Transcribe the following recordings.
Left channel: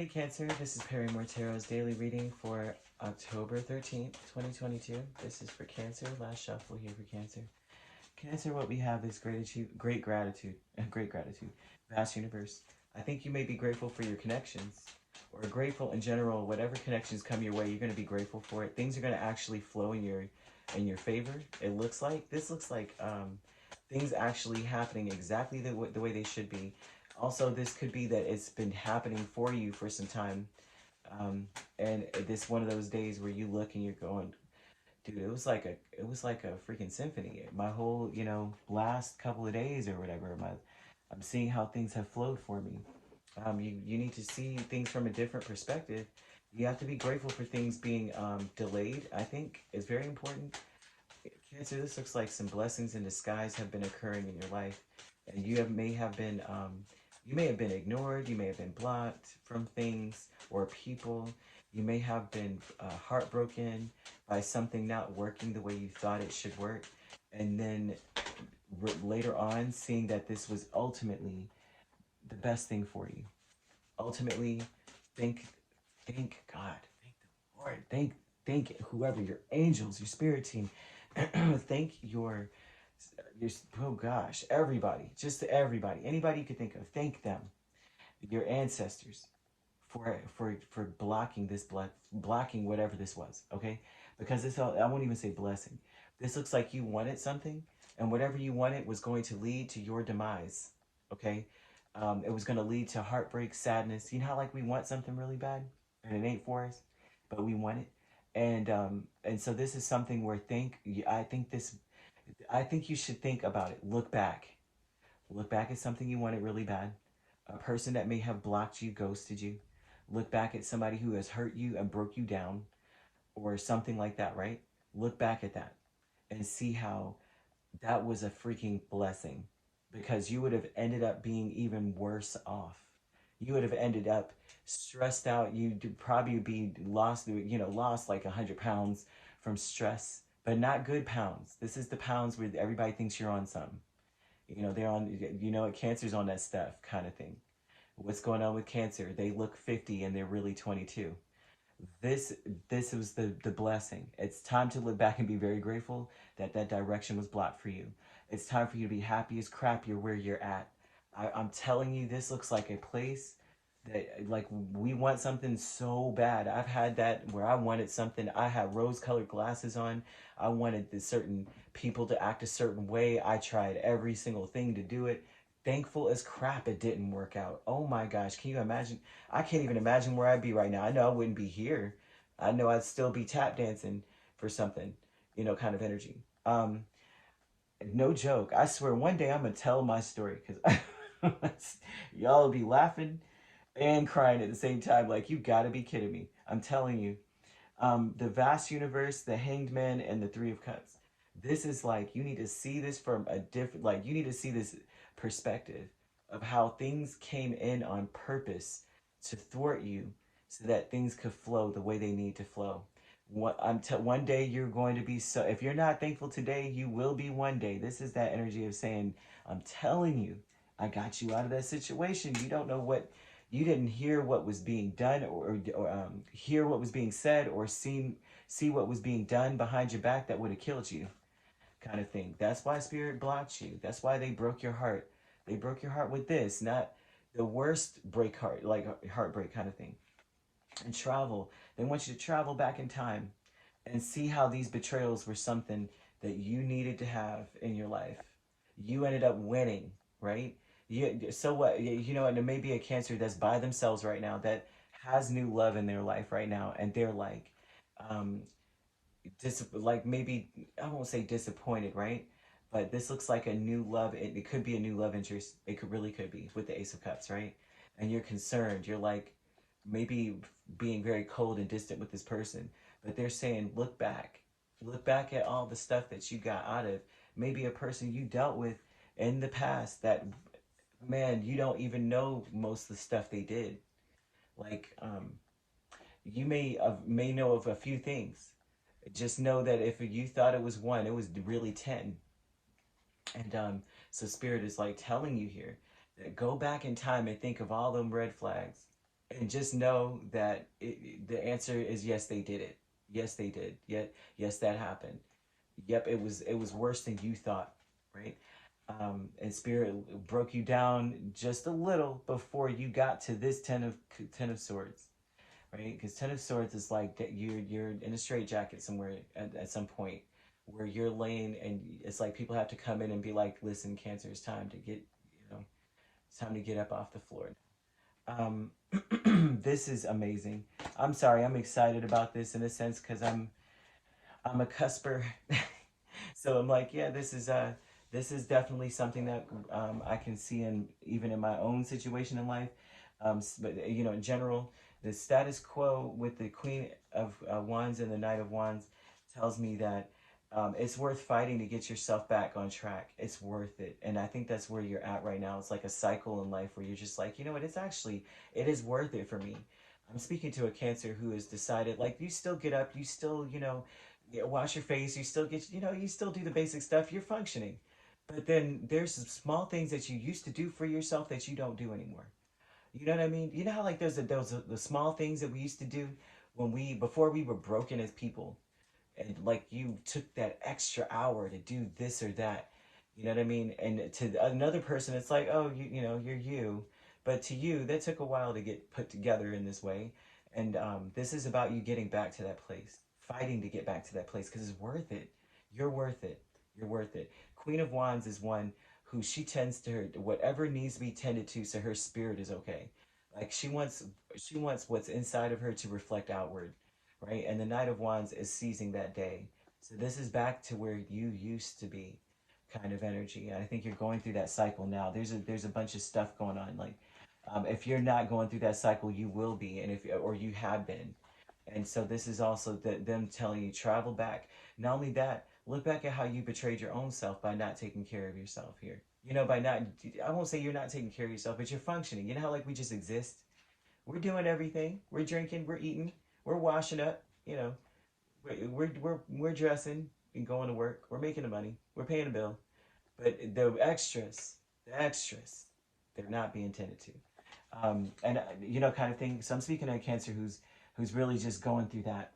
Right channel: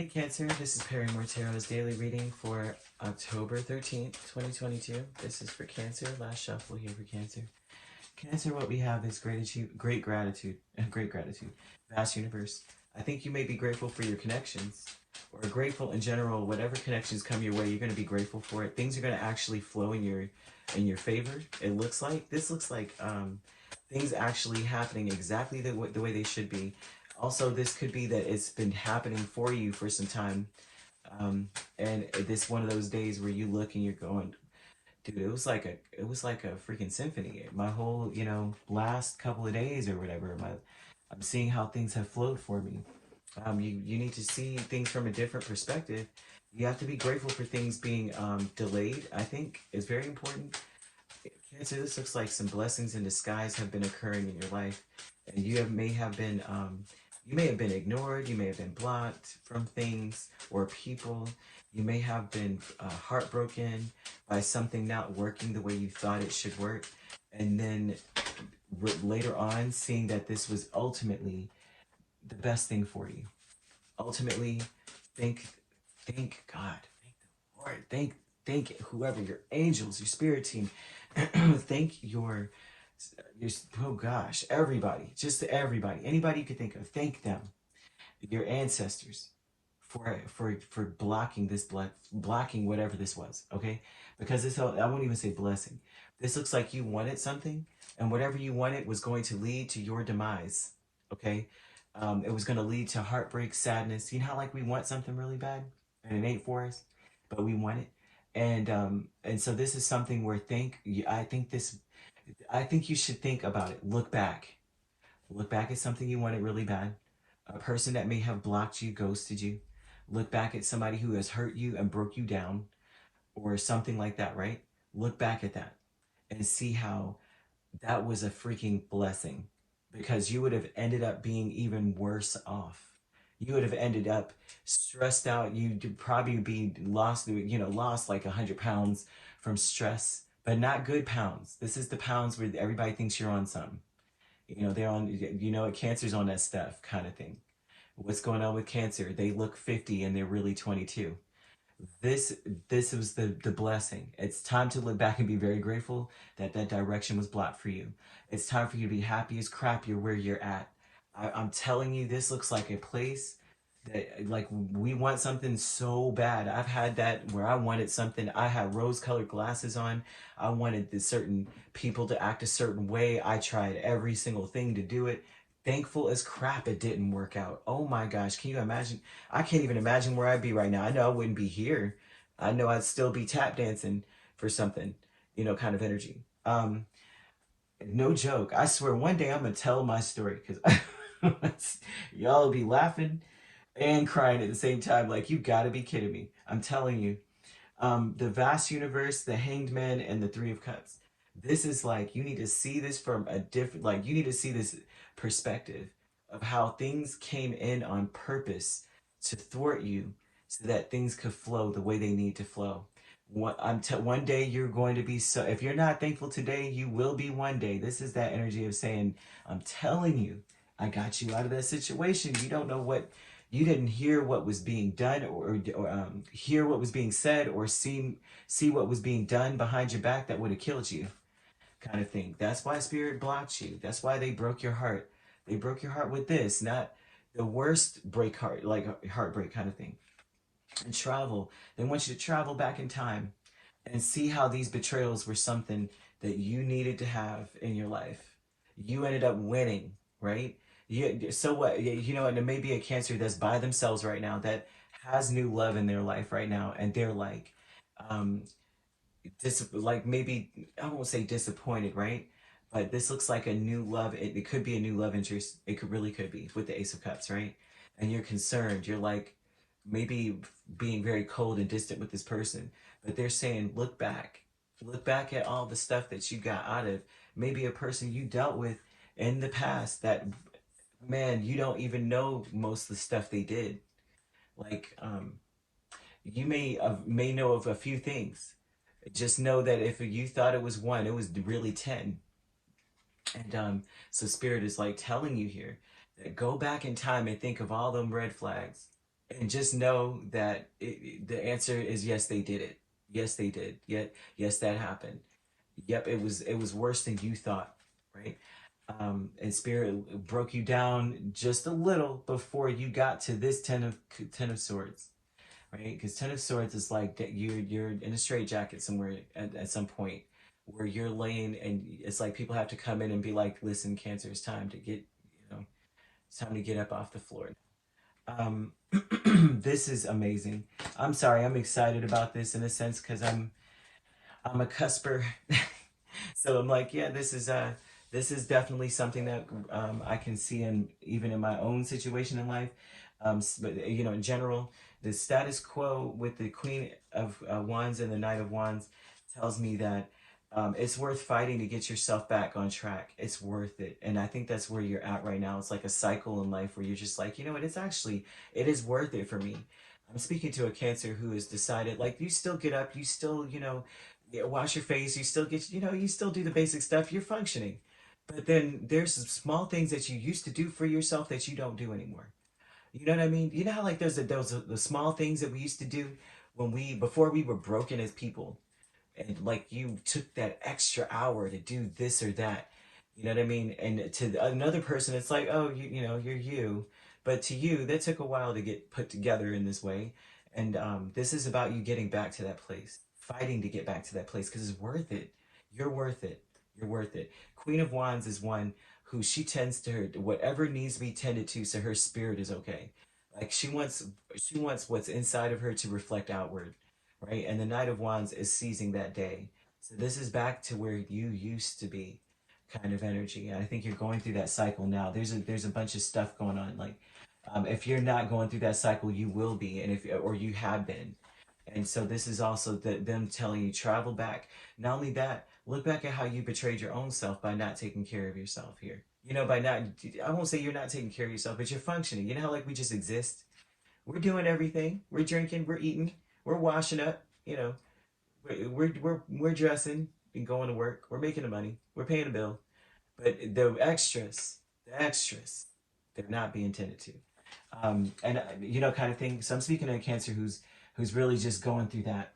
Hey Cancer, this is Perrymore Tarot's daily reading for October 13th, 2022. This is for Cancer, last shuffle here for Cancer. Cancer, what we have is gratitude, great gratitude, vast universe. I think you may be grateful for your connections, or grateful in general, whatever connections come your way, you're going to be grateful for it. Things are going to actually flow in your favor. It looks like, this looks like things actually happening exactly the way they should be. Also, this could be that it's been happening for you for some time. And this one of those days where you look and you're going, dude, it was like a freaking symphony. My whole, last couple of days or whatever, I'm seeing how things have flowed for me. You need to see things from a different perspective. You have to be grateful for things being delayed. I think it's very important. Cancer, this looks like some blessings in disguise have been occurring in your life, and you may have been ignored, you may have been blocked from things or people. You may have been heartbroken by something not working the way you thought it should work, and then later on seeing that this was ultimately the best thing for you. Ultimately, thank God, thank the Lord, thank whoever, your angels, your spirit team, thank your, oh gosh, everybody, just everybody, anybody you could think of, thank them, your ancestors, for blocking this blocking whatever this was, okay? Because this, I won't even say blessing. This looks like you wanted something, and whatever you wanted was going to lead to your demise, okay? It was going to lead to heartbreak, sadness. You know how like we want something really bad, and it ain't for us, but we want it. And so this is something where I think you should think about it. Look back at something you wanted really bad, a person that may have blocked you, ghosted you. Look back at somebody who has hurt you and broke you down, or something like that, right? Look back at that and see how that was a freaking blessing, because you would have ended up being even worse off. You would have ended up stressed out. You'd probably be lost like 100 pounds from stress, but not good pounds. This is the pounds where everybody thinks you're on something. They're on, Cancer's on that stuff kind of thing. What's going on with Cancer? They look 50 and they're really 22. This was the blessing. It's time to look back and be very grateful that that direction was blocked for you. It's time for you to be happy as crap you're where you're at. I'm telling you, this looks like a place that, like, we want something so bad. I've had that where I wanted something. I had rose-colored glasses on. I wanted the certain people to act a certain way. I tried every single thing to do it. Thankful as crap it didn't work out. Oh my gosh, can you imagine? I can't even imagine where I'd be right now. I know I wouldn't be here. I know I'd still be tap dancing for something, kind of energy. No joke. I swear one day I'm going to tell my story, because y'all will be laughing and crying at the same time. Like, you got to be kidding me. I'm telling you. The vast universe, the Hanged Man, and the Three of Cups. This is like, you need to see this from a different, like, you need to see this perspective of how things came in on purpose to thwart you so that things could flow the way they need to flow. One day you're going to be, so if you're not thankful today, you will be one day. This is that energy of saying, I'm telling you, I got you out of that situation. You don't know what, you didn't hear what was being done, or hear what was being said, or see what was being done behind your back that would have killed you, kind of thing. That's why Spirit blocked you. That's why they broke your heart. They broke your heart with this, not the worst heartbreak kind of thing. And travel. They want you to travel back in time and see how these betrayals were something that you needed to have in your life. You ended up winning, right? So what? And there may be a Cancer that's by themselves right now that has new love in their life right now, and they're like, maybe, I won't say disappointed, right? But this looks like a new love. It could be a new love interest. It really could be with the Ace of Cups, right? And you're concerned. You're like, maybe being very cold and distant with this person, but they're saying, look back at all the stuff that you got out of maybe a person you dealt with in the past that, man, you don't even know most of the stuff they did. Like, you may know of a few things. Just know that if you thought it was one, it was really 10. And so Spirit is like telling you here that go back in time and think of all them red flags And just know that the answer is yes, they did it. Yes, they did. Yes, that happened. Yep, it was worse than you thought, right? And spirit broke you down just a little before you got to this ten of swords, right? Because ten of swords is like that you're in a straitjacket somewhere at some point where you're laying, and it's like people have to come in and be like, listen, Cancer, it's time to get, it's time to get up off the floor. Um, this is amazing. I'm sorry, I'm excited about this in a sense because I'm a cusper. So I'm like, yeah, this is definitely something that I can see in even in my own situation in life. But in general, the status quo with the Queen of Wands and the Knight of Wands tells me that it's worth fighting to get yourself back on track. It's worth it, and I think that's where you're at right now. It's like a cycle in life where you're just like, it is worth it for me. I'm speaking to a Cancer who has decided, like, you still get up, you still, wash your face, you still get, you still do the basic stuff, you're functioning. But then there's some small things that you used to do for yourself that you don't do anymore. You know what I mean? You know how like the small things that we used to do before we were broken as people, and like you took that extra hour to do this or that. You know what I mean? And to another person, it's like, oh, you're you. But to you, that took a while to get put together in this way. And this is about you getting back to that place, fighting to get back to that place because it's worth it. You're worth it. You're worth it. Queen of Wands is one who she tends to her whatever needs to be tended to, so her spirit is okay. Like she wants what's inside of her to reflect outward, right? And the Knight of Wands is seizing that day. So this is back to where you used to be, kind of energy. And I think you're going through that cycle now. There's a bunch of stuff going on. Like, if you're not going through that cycle, you will be, and if or you have been. And so this is also them telling you travel back. Not only that, look back at how you betrayed your own self by not taking care of yourself here. By not, I won't say you're not taking care of yourself, but you're functioning. You know how like we just exist? We're doing everything. We're drinking, we're eating, we're washing up, we're dressing and going to work. We're making the money. We're paying a bill. But the extras, they're not being tended to. And kind of thing. So I'm speaking to a Cancer who's really just going through that.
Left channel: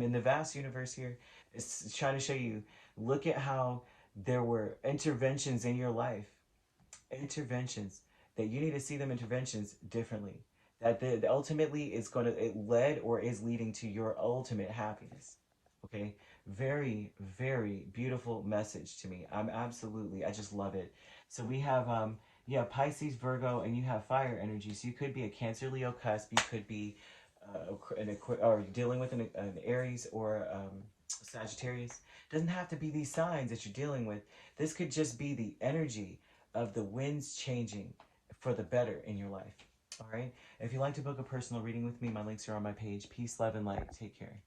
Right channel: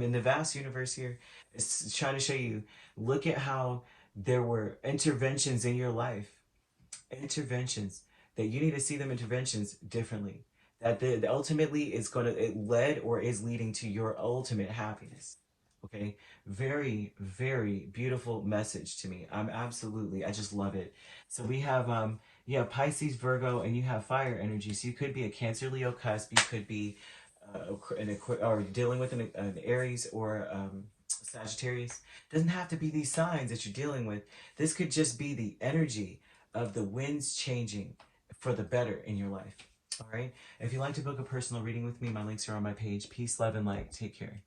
In the vast universe here, it's trying to show you. Look at how there were interventions in your life, interventions that you need to see them interventions differently. That ultimately is it led or is leading to your ultimate happiness. Okay, very very beautiful message to me. I just love it. So we have you have Pisces, Virgo, and you have fire energy. So you could be a Cancer, Leo cusp. You could be or dealing with an Aries or Sagittarius. Doesn't have to be these signs that you're dealing with. This could just be the energy of the winds changing for the better in your life. All right. If you'd like to book a personal reading with me, my links are on my page. Peace, love, and light. Take care.